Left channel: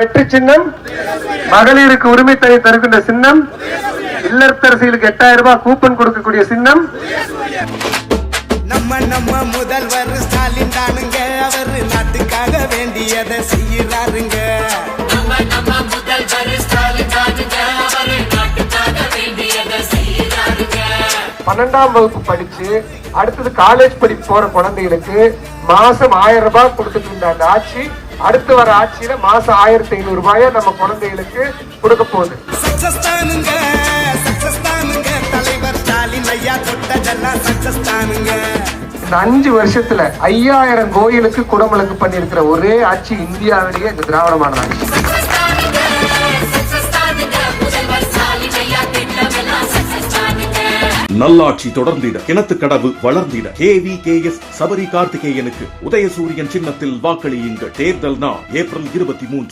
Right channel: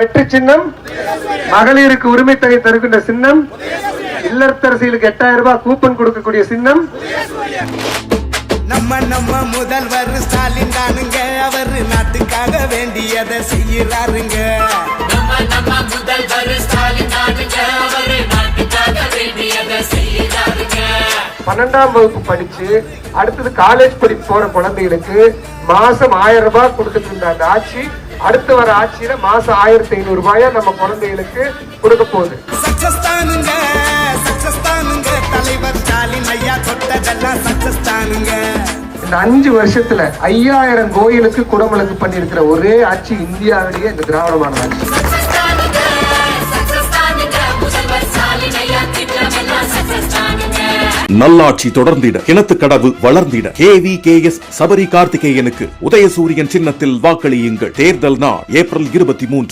வெற்றி சின்னம், மகளிருக்கு உரிமை தொகை தருகின்ற சின்னம், இல்லத்தரசிகளுக்கு 8000 ரூபாய் கூப்பன் கொடுக்கக்கூடிய சின்னம். நம்ம முதல்வர் ஸ்டாலின் தானுங்க, அவர் நாட்டுக்காக வேண்டியதை செய்யறாருங்க. 12ஆம் வகுப்பு படிச்சு அடுத்தது காலேஜ் படிப்பு போற குழந்தைகளுக்கு மாசம் 1000 ரூபாய் கொடுத்துட்டு இருந்த அந்த ஆட்சி அடுத்து வர ஆட்சியில மாசம் 1500 ரூபாயா நம்ம குழந்தைகளுக்கு கொடுக்க போகுது. சக்சஸ் தானுங்க தலைவர் ஸ்டாலின் ஐயா தொட்டதெல்லாம் சக்சஸ் தானுங்க. இந்த 5 வருஷத்துல 5000 கோயிலுக்கு குடமுழுக்கு பண்ணிருக்கிற ஒரே ஆட்சி இந்தியாவிலேயே இந்த திராவிட மாடல் ஆட்சி. நல்லாட்சி தொடர்ந்திட, கிணத்துக்கடவு வளர்ந்திட, KVKS சபரி கார்த்திகேயனுக்கு உதயசூரியன் சின்னத்தில் வாக்களியுங்கள். தேர்தல் நாள் ஏப்ரல் 23.